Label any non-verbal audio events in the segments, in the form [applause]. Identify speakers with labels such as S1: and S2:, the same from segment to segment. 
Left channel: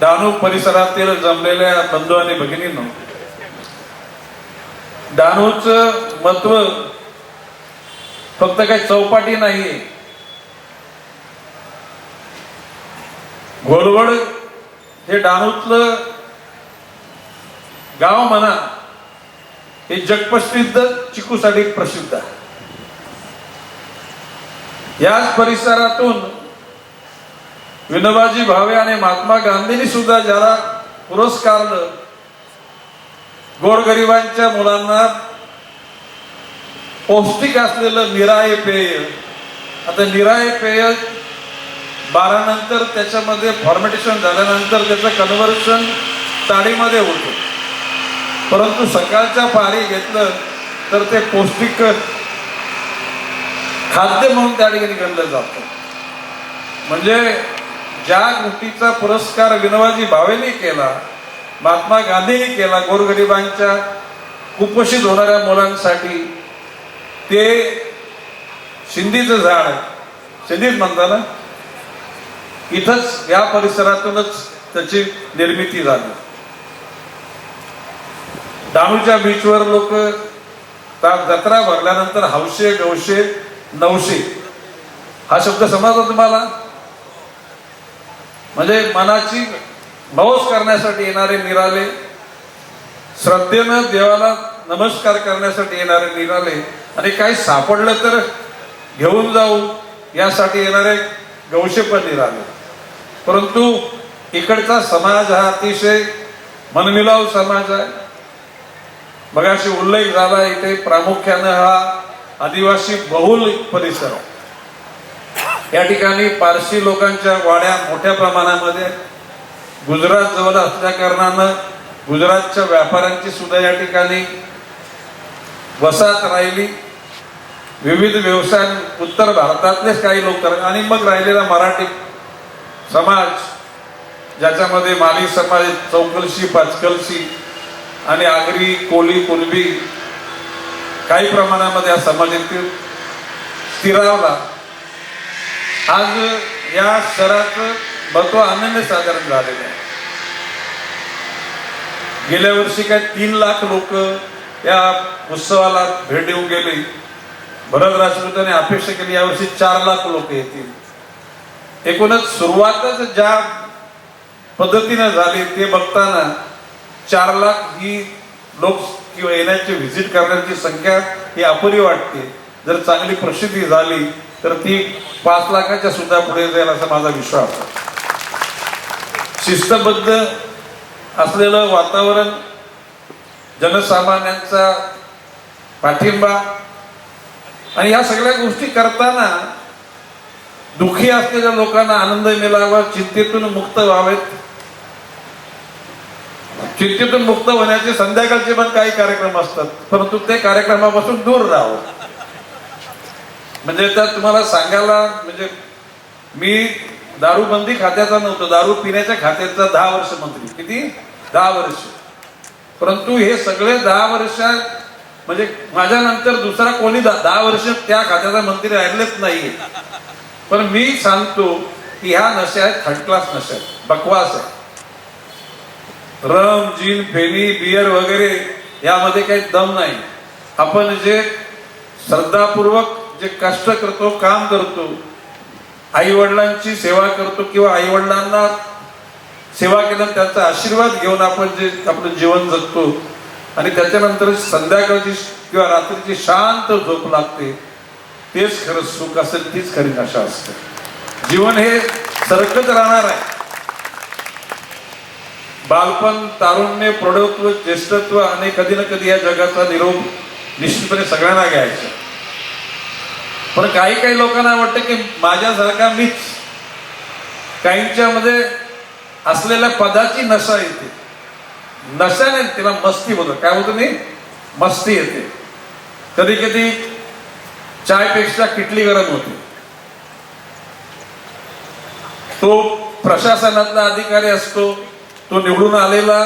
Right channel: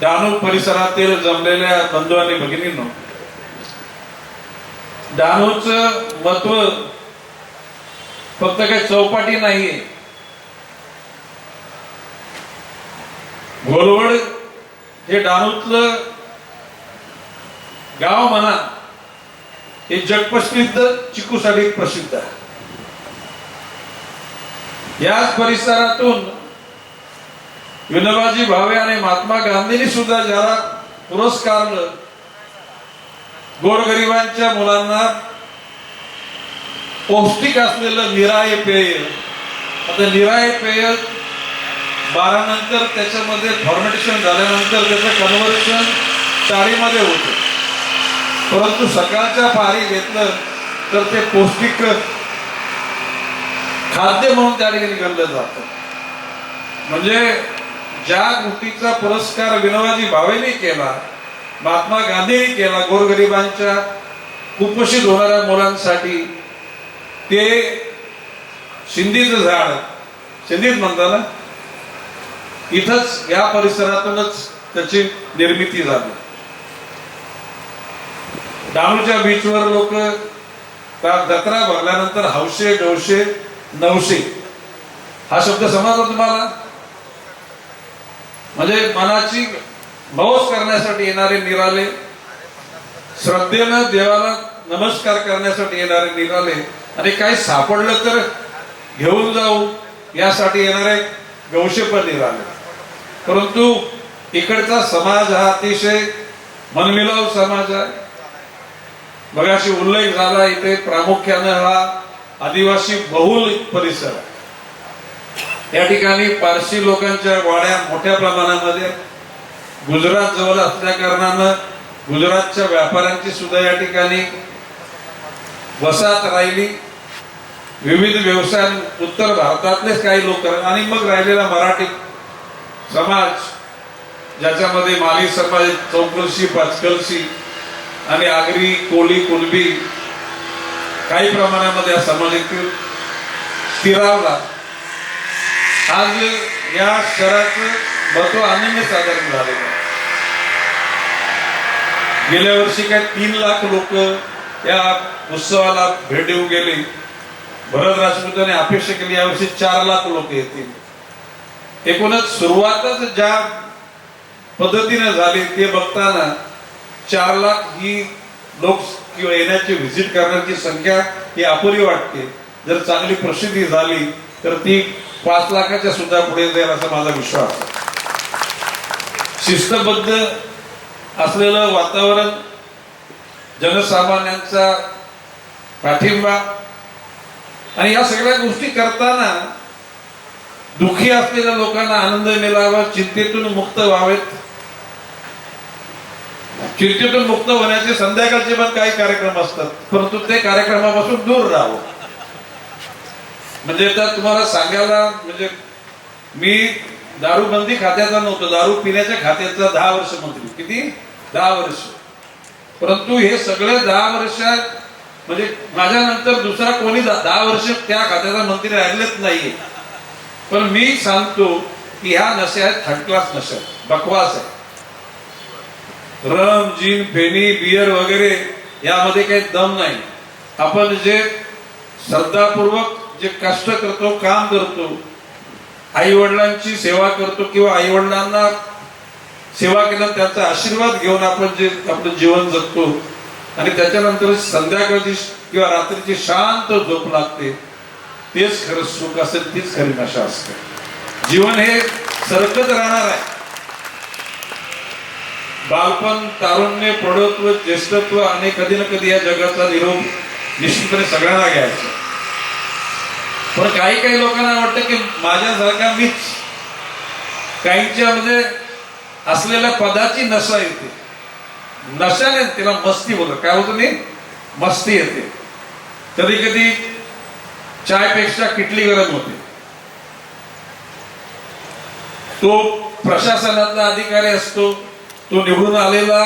S1: डहाणू परिसरातील जमलेल्या बंधू आणि भगिनींनो डहाणूच महत्त्व फक्त काही चौपाटी नाही घोडवड हे डहाणूतलं गाव म्हणा हे जगप्रसिद्ध चिकूसाठी प्रसिद्ध आहे. याच परिसरातून विनोबाजी भावे आणि महात्मा गांधींनी सुद्धा ज्याला पुरस्कार गोरगरिबांच्या मुलांना पौष्टिक असलेलं निराय पेय आता निराय पेय बारा नंतर त्याच्यामध्ये फॉर्मेटेशन झाल्यानंतर त्याचं कन्व्हर्शन तारीमध्ये होतं. परंतु सकाळच्या पारी घेतलं तर ते पौष्टिक खाद्य म्हणून त्या ठिकाणी गणलं जातं. म्हणजे ज्या गोष्टीचा पुरस्कार विनोबाजी भावेने केला महात्मा गांधीने केला गोरगरिबांच्या कुपोषित होणाऱ्या मुलांसाठी ते शिंदीचं झाड शिंदीच म्हणता ना? इथंच या परिसरातूनच त्याची निर्मिती झाली. डहाणूच्या बीचवर लोक जत्रा भरल्यानंतर हौशे डोशे नवशे हा शब्द समजला तुम्हाला? म्हणजे मनाची भौस करण्यासाठी येणारे निराले श्रद्धेनं देवाला नमस्कार करण्यासाठी येणारे निराले आणि काही सापडलं तर घेऊन जाऊ यासाठी येणारे गौशे पण निराले परंतु इकडचा समाज हा अतिशय मनमिलाव समाज आहे बघाशी उल्लेख झाला इथे प्रामुख्यानं हा आदिवासी बहुल परिसर आहे. या ठिकाणी पारसी लोकांच्या वाड्या मोठ्या प्रमाणामध्ये गुजरात जवळ असल्या कारणानं गुजरातच्या व्यापाऱ्यांची सुद्धा या ठिकाणी वसाहत राहिली. विविध व्यवसाय उत्तर भारतातलेच काही लोक आणि मग राहिलेला मराठी समाज ज्याच्यामध्ये माली समाज चौकलशी पाचकलशी आणि आगरी कोली कुणबी काही प्रमाणामध्ये हा समाज स्थिरावला आज या शहराचं महत्त्व आनंद साधारण झालेलं आहे. गेल्या वर्षी काय तीन लाख लोक या उत्सवाला भेट देऊन गेले. भरत राजपूतांनी अपेक्षा केली यावर्षी चार लाख लोक येतील. एकूणच सुरुवातच ज्या पद्धतीने झाली ते बघताना चार लाख ही लोक किंवा येण्याची व्हिजिट करण्याची संख्या ही अपुरी वाटते. जर चांगली प्रसिद्धी झाली तर ती पाच लाखाच्या सुद्धा पुढे जाईल असा माझा विश्वास शिस्तबद्ध असलेलं वातावरण जनसामान्यांचा पाठिंबा आणि या सगळ्या गोष्टी करताना दुखी असलेल्या लोकांना आनंद मिळावा चिंतेतून मुक्त व्हावेत. चिंतेतून मुक्त होण्याचे संध्याकाळचे पण काही कार्यक्रम असतात परंतु ते कार्यक्रमापासून दूर राहावं. म्हणजे त्यात तुम्हाला सांगायला म्हणजे मी दारू बंदी खात्याचा नव्हतो दारू पिण्याच्या खात्याचा दहा वर्ष मंत्री किती? दहा वर्ष. परंतु हे सगळे दहा वर्षात म्हणजे माझ्यानंतर दुसरा कोणी दहा वर्ष त्या खात्याचा मंत्री राहिलेच नाही पण मी सांगतो की ह्या नशा आहेत थर्ड क्लास नशा आहेत बकवास आहे रम जीन फेनी बियर वगैरे यामध्ये काही दम नाही. आपण जे श्रद्धापूर्वक जे कष्ट करतो काम करतो आई वडिलांची सेवा करतो किंवा आई वडिलांना सेवा केल्या त्यांचा आशीर्वाद घेऊन आपण जे आपलं जीवन जगतो. आणि त्याच्यानंतर संध्याकाळची किंवा रात्रीची शांत झोप लागते. तेच खरं सुख असेल तीच खरी नशा असते. जीवन हे सरकत राहणार आहे. बालपण तारुण्य प्रौढत्व ज्येष्ठत्व आणि कधी ना कधी या जगाचा निरोप निश्चितपणे सगळ्यांना घ्यायचा. पण काही काही लोकांना वाटतं की माझ्यासारखा मीच काहींच्या मध्ये असलेल्या पदाची नशा येते. नशाने तिला मस्ती बोलतो काय होतं मी? मस्ती येते. कधी कधी चायपेक्षा किटली गरम होते. तो प्रशासनातला अधिकारी असतो तो निवडून आलेला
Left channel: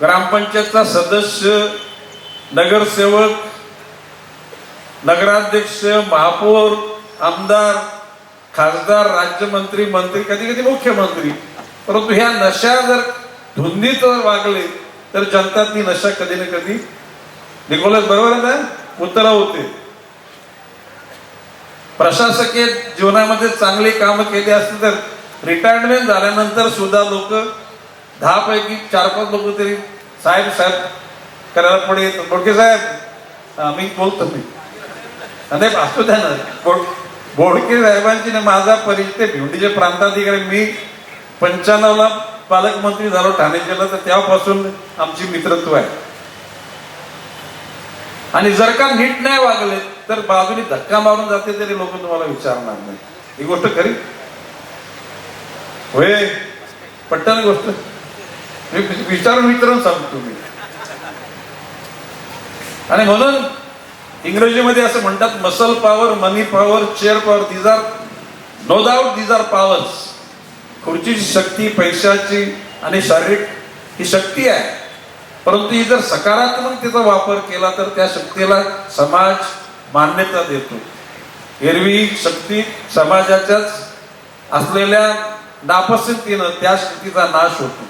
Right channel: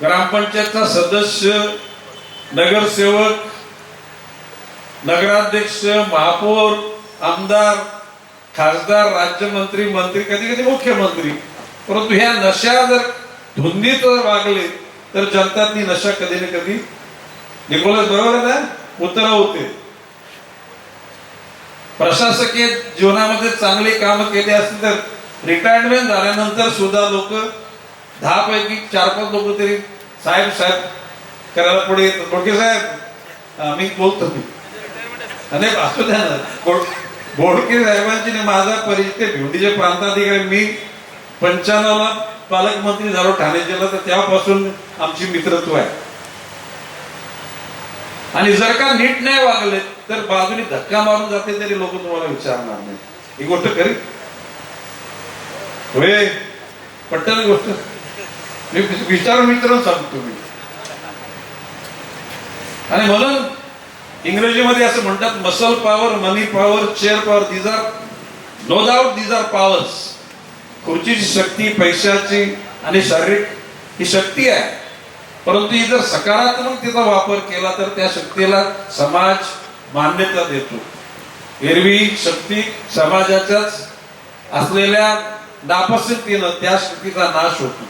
S1: ग्रामपंचायतचा सदस्य नगरसेवक नगराध्यक्ष महापौर आमदार खासदार राज्यमंत्री मंत्री कधी कधी मुख्यमंत्री. परंतु ह्या नशा जर धुंदीत वागले तर जनता ती नशा कधी ना कधी निकोलस बरोबर ना? उतरा होते प्रशासकीय जीवनामध्ये चांगले काम केली असतील तर रिटायरमेंट झाल्यानंतर सुद्धा लोक दहा पैकी चार पाच लोक तरी साहेब साहेब करायला पुढे येतात. साहेब आम्ही बोलतो मी. नाही असू द्या ना बोड- बोडके साहेबांची ना माझा परिचय भिवडीचे प्रांताधिकारी मी पंच्याण्णवला पालकमंत्री झालो ठाणे जिल्हा तर तेव्हापासून आमची मित्रत्व आहे आणि जर का नीट नाही वागले तर बाजूने धक्का मारून जाते तरी लोक तुम्हाला विचारणार नाही ही गोष्ट खरी होय पट्टन गोष्ट मी विचारून विचारून सांगतो मी आणि म्हणून इंग्रजीमध्ये असं म्हणतात muscle power money power chair power these are no doubt these are powers खुर्चीची शक्ती पैशाची आणि शारीरिक ही शक्ती आहे. परंतु ही जर सकारात्मकतेचा वापर केला तर त्या शक्तीला समाज मान्यता देतो. एरवी शक्ती समाजाच्याच असलेल्या नापसंतीनं त्या शक्तीचा नाश होतो.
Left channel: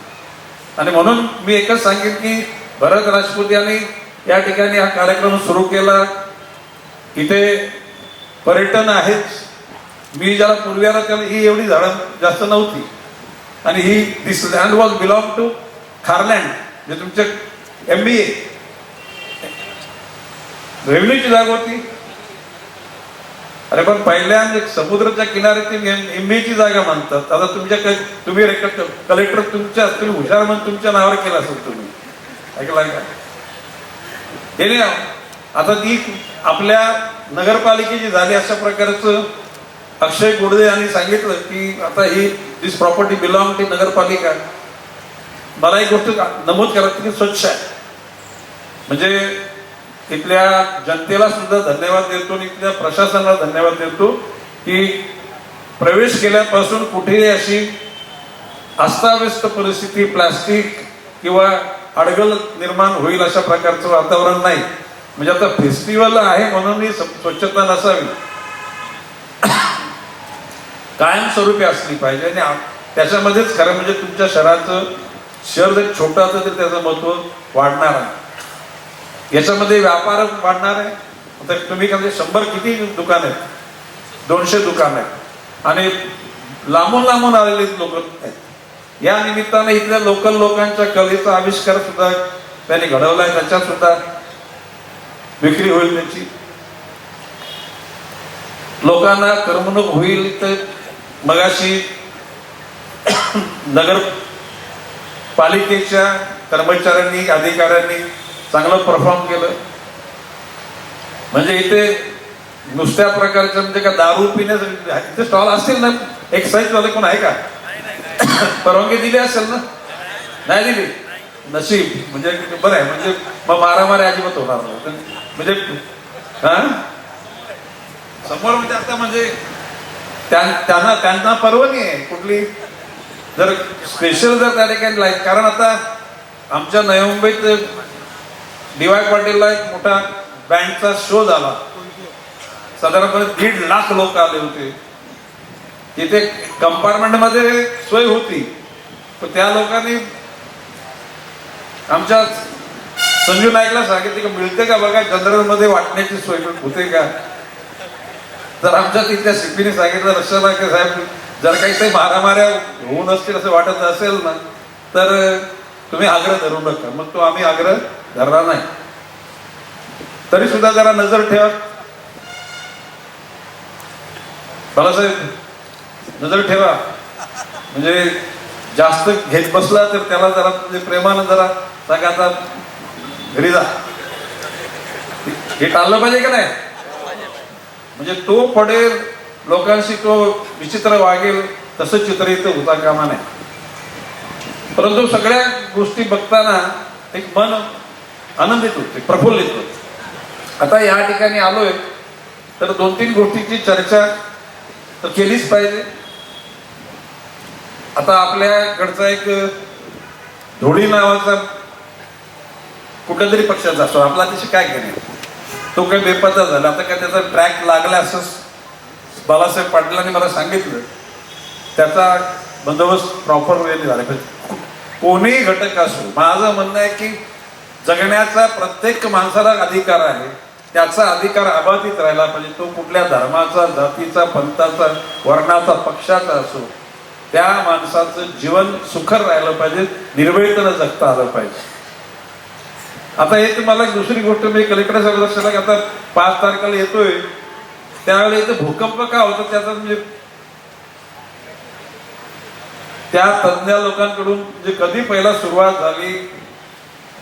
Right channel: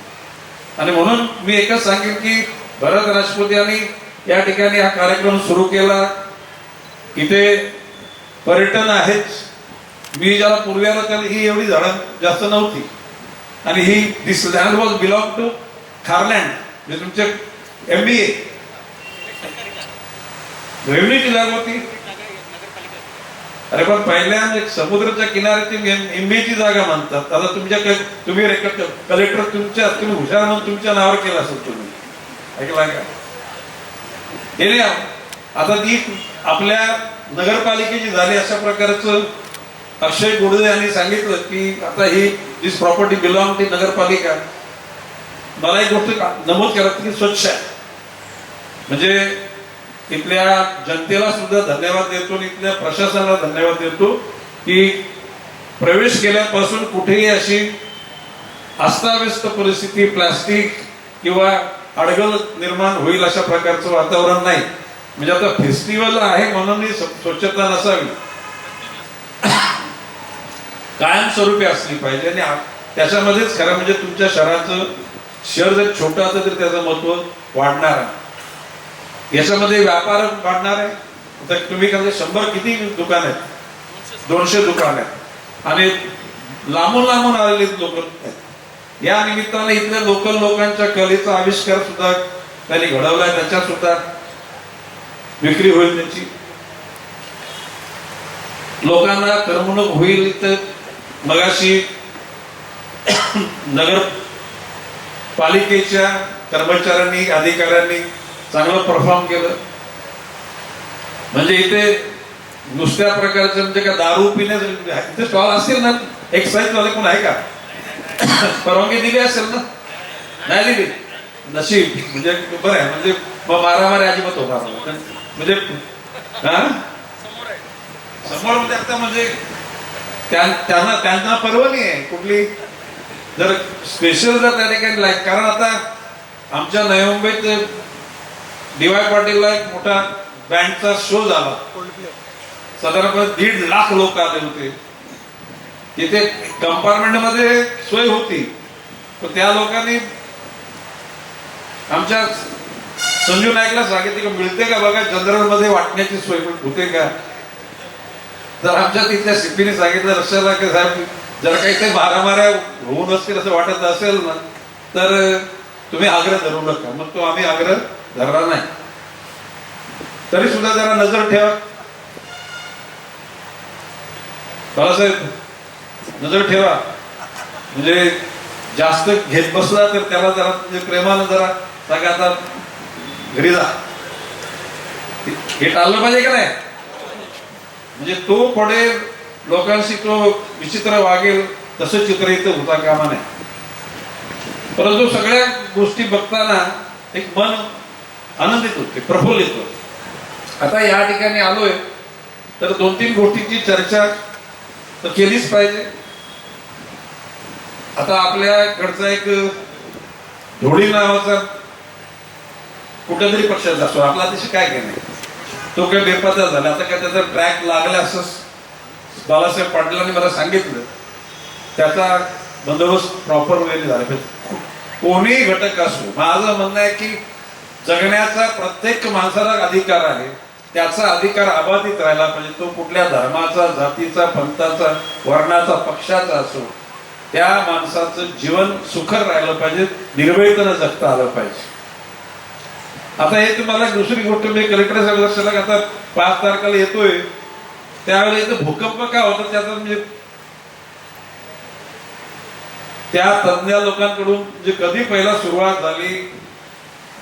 S1: आणि म्हणून मी एकच सांगेन की भरत राजपूत यांनी या ठिकाणी हा कार्यक्रम सुरू केला. इथे पर्यटन आहेच. मी ज्याला पूर्वीला त्याला ही एवढी झाडं जास्त नव्हती. आणि ही this land was belong to Kharland म्हणजे तुमच्या एम बी ए रेव्हन्यूची जागा होती. अरे पण पहिल्यांदा समुद्राच्या किनाऱ्याची एमबीची जागा म्हणतात आता तुमच्या तुम्ही कलेक्टर तुमच्या तुम्ही हुशार म्हणून तुमच्या नावावर केला असेल तुम्ही. ऐकलाय का? हे नाही आता ती आपल्या नगरपालिकेची झाली अशा प्रकारचं अक्षय गोडदे यांनी सांगितलं की आता ही दिस प्रॉपर्टी बिलॉंग टू नगरपालिका. मला एक गोष्ट नमूद करा तुम्ही स्वच्छ आहे. म्हणजे इथल्या जनतेला सुद्धा धन्यवाद देतो आणि इथल्या प्रशासनाला धन्यवाद देतो की प्रवेश केल्यापासून कुठेही अशी अस्ताव्यस्त परिस्थिती प्लास्टिक किंवा अडगळ निर्माण होईल अशा प्रकारचं वातावरण नाही. म्हणजे आता फेस्टिवल आहे म्हणून स्वच्छता नसावी. कायमस्वरूपी असली पाहिजे आणि त्याच्यामध्येच खरं म्हणजे तुमच्या शहराचं शहर जर छोटं असेल तर त्याचं महत्त्व वाढणार आहे. याच्यामध्ये व्यापार वाढणार आहे. आता तुम्ही म्हणजे शंभर किती दुकान आहेत? दोनशे दुकान आहेत. आणि लांबून लांबून आलेले लोक आहेत. या निमित्ताने इथल्या लोकल लोकांच्या कलेचा आविष्कार सुद्धा त्यांनी घडवलाय त्याच्यात सुद्धा विक्री होईल त्याची. लोकांना करमणूक होईल तर मगाशी [coughs] नगर पालिकेच्या कर्मचाऱ्यांनी अधिकाऱ्यांनी चांगलं परफॉर्म केलं. म्हणजे इथे नुसत्या प्रकारचं म्हणजे का दारू पिण्याचं इथे स्टॉल असतील ना एक्साईज वाले पण आहे का? [coughs] परवानगी दिली असेल ना? नाही दिली. नशीब म्हणजे बरं आहे म्हणजे मग मारामारी अजिबात होणार म्हणजे हा? समोर म्हणजे आता म्हणजे त्या- त्यांना त्यांना परवानगी आहे. कुठली? जर स्पेशल जर त्या ठिकाणी लाईक कारण आता आमच्या नवी मुंबईत डीवाय पाटीलला एक मोठा बँडचा शो झाला. साधारणपणे दीड लाख लोक आले होते. तिथे कंपार्टमेंटमध्ये सोय होती. तर त्या लोकांनी आमच्या संजू नाईकला सांगितले की मिळते का बघा जनरलमध्ये वाटण्याची सोय होते का? तर आमच्या तिथल्या सिपीने सांगितलं रक्षाला की साहेब जर काही ते मारामाऱ्या होऊ नसतील असं वाटत असेल ना तर तुम्ही आग्रह धरू नका. मग तो आम्ही आग्रह धरला नाही. तरी सुद्धा जरा नजर ठेवा. बाळासाहेब नजर ठेवा. म्हणजे जास्त घेत बसला तर त्याला जरा म्हणजे प्रेमानं जरा सांगा आता घरी जा. हे टाळलं पाहिजे का नाही? म्हणजे तो पडेल लोकांशी तो विचित्र वागेल तसं चित्र इथे होता कामा नाही परंतु सगळ्या गोष्टी बघताना एक मन आनंदित होते प्रफुल्लित होते. आता या ठिकाणी आलोय तर दोन तीन गोष्टीची चर्चा तर केलीच पाहिजे. आता आपल्याकडचा एक धोडी नावाचा कुठल्या तरी पक्षाचा असतो आपला त्याशी काय घेणे तो काही बेपत्ता झाला आता काय त्याचा ट्रॅक लागला असं बाबासाहेब पाटलांनी मला सांगितलं. त्याचा बंदोबस्त प्रॉपर वेळेने झाला. कोणीही घटक असो माझं म्हणणं आहे की जगण्याचा प्रत्येक माणसाला अधिकार आहे. त्याचा अधिकार अबाधित राहिला पाहिजे. तो कुठल्या धर्माचा जातीचा पंथाचा वर्णाचा पक्षाचा असो त्या माणसाचं जीवन सुखर राहिलं पाहिजे निर्भयतेनं जगता आलं पाहिजे. आता हे तुम्हाला दुसरी गोष्ट मी कलेक्टर साहेब लक्षात आता पाच तारखेला येतोय. त्यावेळी इथं भूकंप का होता त्याचा म्हणजे त्या तज्ञ लोकांकडून म्हणजे कधी पहिला सुरुवात झाली?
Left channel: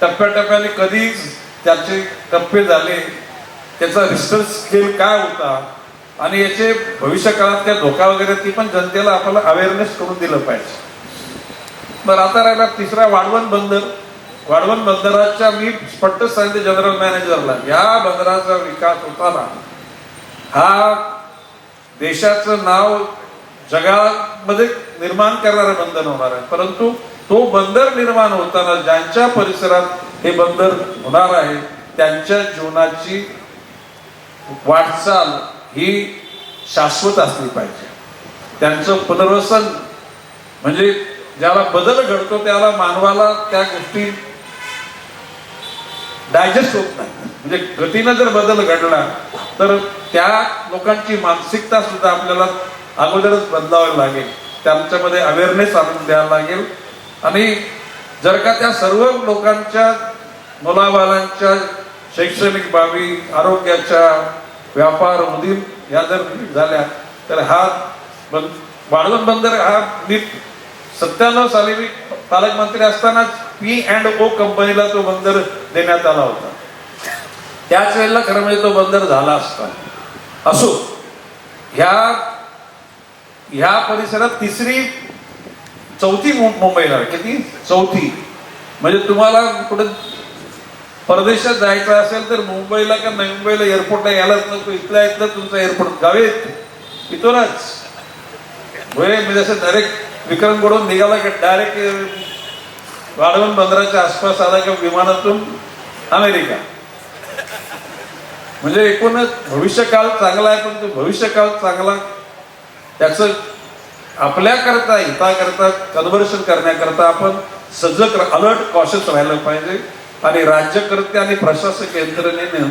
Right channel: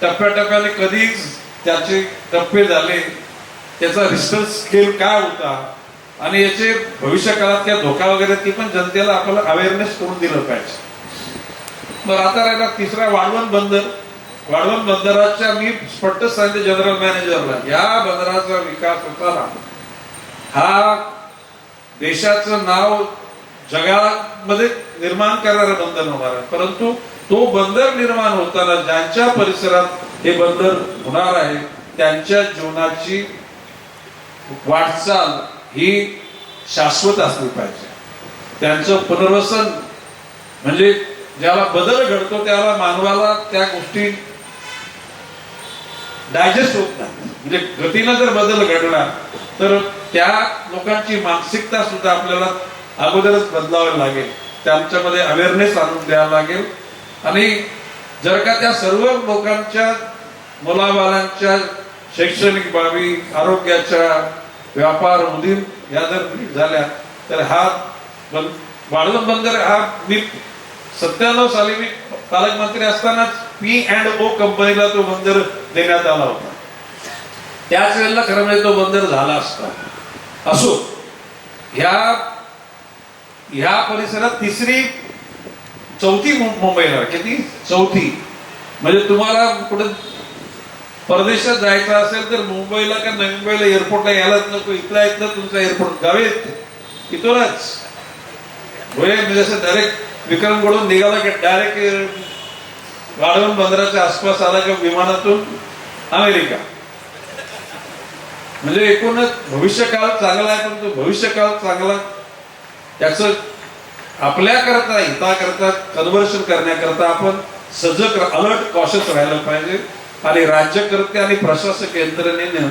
S1: टप्प्याटप्प्याने कधी त्याचे टप्पे झाले? त्याचा रिसर्च स्केल काय होता? आणि याचे भविष्य काळात त्या धोका वगैरे ती पण जनतेला आपल्याला अवेअरनेस करून दिलं पाहिजे. बरं आता राहिला तिसरा वाढवण बंदर. कारण बंदराच्या मी स्पष्ट सांगते जनरल मॅनेजरला या बंदराचा विकास होताना हा देशाचं नाव जगामध्ये निर्माण करणारा बंदर होणार आहे. परंतु तो बंदर निर्माण होताना ज्यांच्या परिसरात हे बंदर होणार आहे त्यांच्या जीवनाची वाटचाल ही शाश्वत असली पाहिजे. त्यांचं पुनर्वसन म्हणजे ज्याला बदल घडतो त्याला मानवाला त्या गोष्टी डायजेस्ट होत नाही. म्हणजे गतीनं जर बदल घडला तर त्या लोकांची मानसिकता सुद्धा आपल्याला अगोदरच बदलावं लागेल. त्यांच्यामध्ये अवेअरनेस आणून द्यावा लागेल. आणि जर का त्या सर्व लोकांच्या मुलाबाळांच्या शैक्षणिक बाबी आरोग्याच्या व्यापार उदीम या जर झाल्या तर हा बंद वाढवण बंदर हा मी सत्त्याण्णव साली मी पालकमंत्री असतानाच पी अँड ओ कंपनीला तो बंदर देण्यात आला होता. त्याच वेळेला खरं म्हणजे तो बंदर झाला असता. असो ह्या ह्या परिसरात तिसरी चौथी मु- मुंबईला किती? चौथी. म्हणजे तुम्हाला कुठे परदेशात जायचं असेल तर मुंबईला का नवी मुंबईला एअरपोर्टला यायलाच नको. इथल्या इथलं तुमचं एअरपोर्ट गावे इथूनच. होय? म्हणजे असं डायरेक्ट विक्रमकडून निघाला की डायरेक्ट वाढवून बंदराच्या आसपास आला किंवा विमानातून अमेरिका. म्हणजे एकूणच भविष्य काळ चांगला आहे पण तो भविष्य काळ चांगला त्याच आपल्याकरता हिताकरता कन्व्हर्शन करण्याकरता आपण सजग अलर्ट कॉशस राहिलं पाहिजे. आणि राज्यकर्ते आणि प्रशासक यंत्रणेने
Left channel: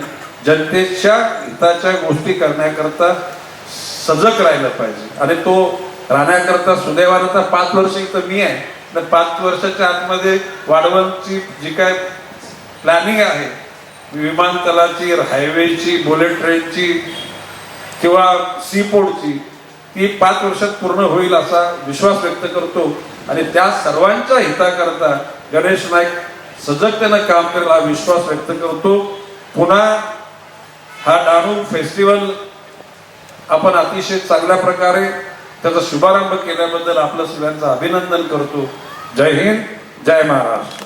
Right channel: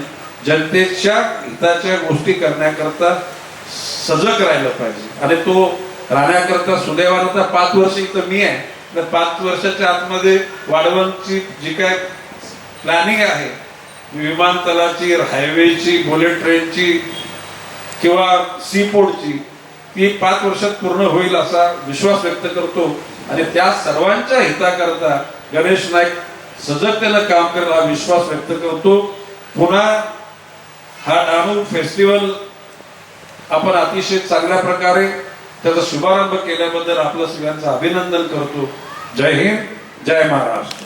S1: जनतेच्या हिताच्या गोष्टी करण्याकरता सजग राहिलं पाहिजे. आणि तो राहण्याकरता सुदैवानं पाच वर्ष इथं मी आहे. तर पाच वर्षाच्या आतमध्ये वाढवणची जी काय प्लॅनिंग आहे विमानतळाची हायवेची बुलेट ट्रेनची किंवा सी पोर्टची ती पाच वर्षात पूर्ण होईल असा विश्वास व्यक्त करतो. आणि त्या सर्वांच्या हिताकरता गणेश नाईक सजगतेनं काम करेल हा विश्वास व्यक्त करतो. पुन्हा हा डाणू फेस्टिवल आपण अतिशय चांगल्या प्रकारे त्याचा शुभारंभ केल्याबद्दल आपलं सगळ्यांचं अभिनंदन करतो. जय हिंद जय महाराष्ट्र.